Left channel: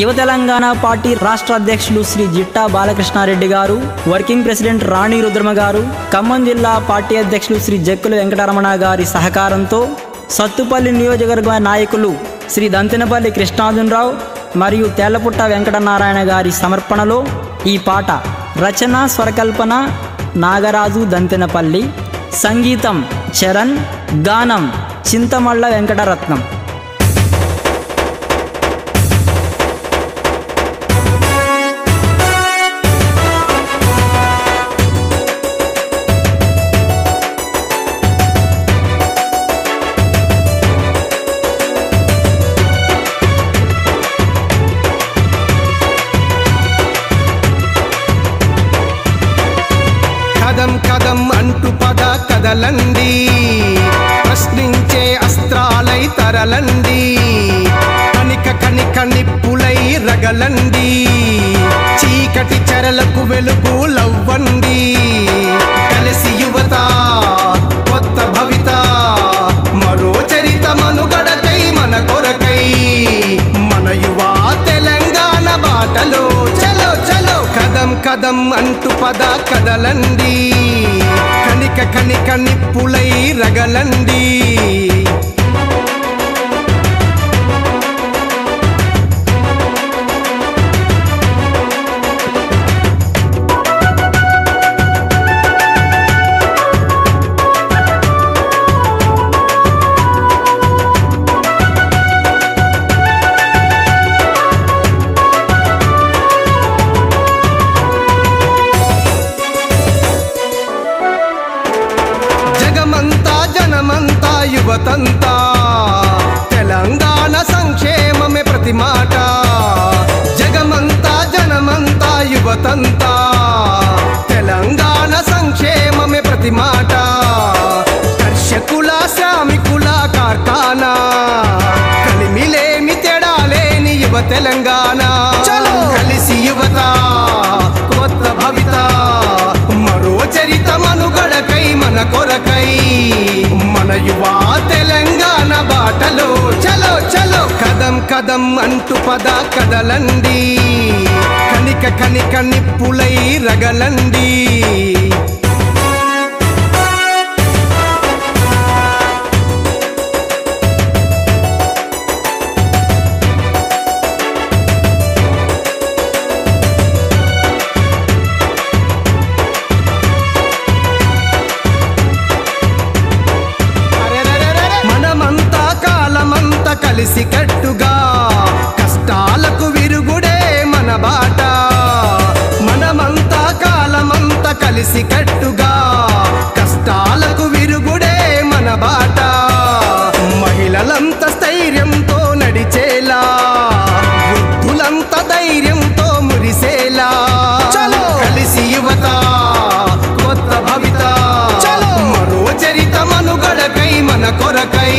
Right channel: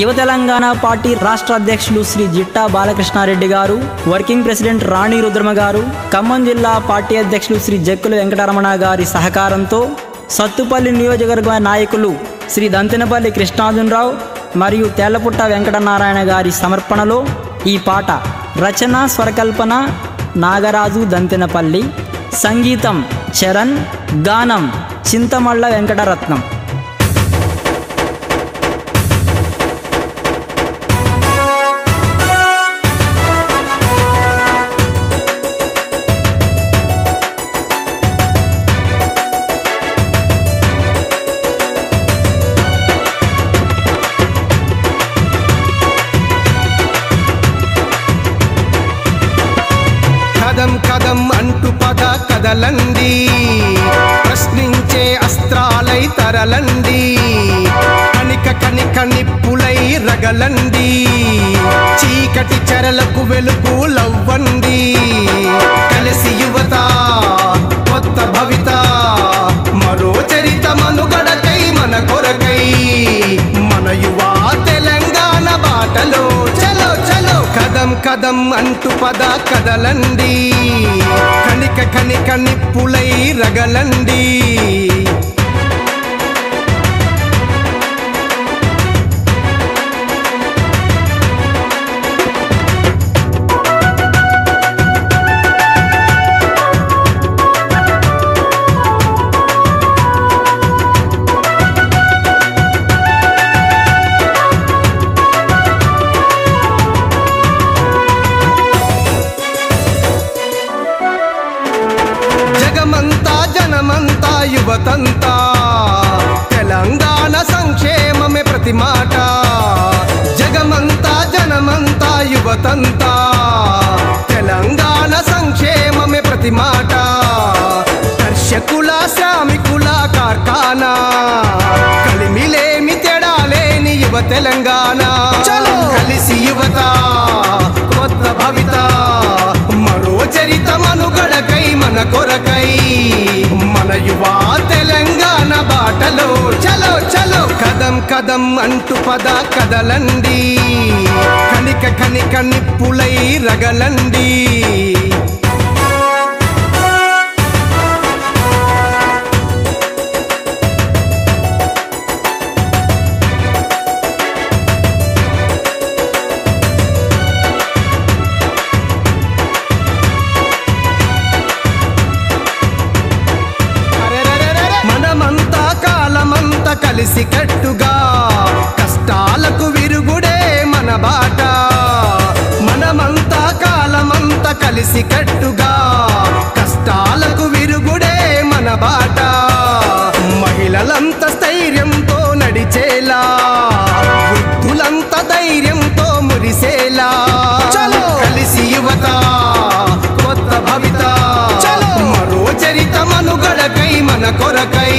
యువ తెలంగాణ పార్టీ రాష్ట్ర అధ్యక్షులు శ్రీ జిట్టా బాలకృష్ణారెడ్డి గారు, వర్కింగ్ ప్రెసిడెంట్ రాణి రుద్రమ గారు, ఖమ్మం జిల్లా పార్టీ అధ్యక్షులు శ్రీ జక్కుల వెంకటరమణ గారి సహకారంతో సత్తుపల్లి నియోజకవర్గ నాయకులు శ్రీ దంతెనపల్లి కృష్ణార్జునరావు మరియు తేళ్లపుట్ట వెంకటనారాయణ గారి సమర్పణలో ఈ పాట రచన స్వరకల్పన నాగరాజు దంతెనపల్లి, సంగీతం చరణ్, గానం చింతమళ్ళ వెంకటరత్నం. కదం కదం అంటూ పద కదలండి, ప్రశ్నించే అస్త్రాలై తరలండి, కనిక కనిక నిప్పులై రగలండి, చీకటి చెరలకు వెలుగు లవ్వండి. కలిసి యువత కొత్త భవిత, మరో చరిత మనుగడకై మన కొరకై, మన యువ తెలంగాణ బాటలో చలో చలో. కదం కదం అంటూ పద కదలండి, కనిక కనిక నిప్పులై రగలండి. జగమంతా జనమంతా యువతంతా, తెలంగాణ సంక్షేమమే ప్రతి మాట. జగమంతా జనమంతా యువతంతా, తెలంగాణ సంక్షేమమే ప్రతి మాట. కర్షకుల శ్రామికుల కార్ఖానా, కలిమిలేమి తేడాలేని యువ తెలంగాణ. కలిసి యువత కొత్త భవిత, మరో చరిత మనుగడకై మన కొరకై, మన యువ తెలంగాణ బాటలో చలో చలో. కదం కదం అంటూ పద కదలండి, కనిక కనిక నిప్పులై రగలండి. మనమంతా కాలమంతా కలిసి కట్టుగా, కష్టాలకు విరుగుడే మన బాట. మనమంతా కాలమంతా కలిసి కట్టుగా, కష్టాలకు విరుగుడే మన బాట. మహిళలంతా స్థైర్యంతో నడిచేలా, వృద్ధులంతా ధైర్యంతో మురిసేలా. కలిసి యువత కొత్త భవిత, మరో చరిత మనుగడకై మన కొరకై,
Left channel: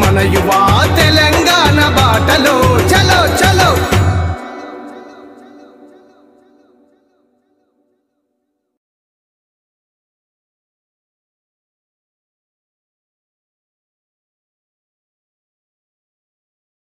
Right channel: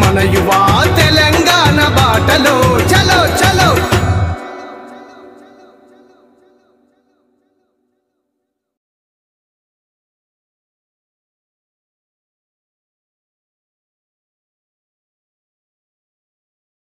మన యువ తెలంగాణ బాటలో చలో చలో.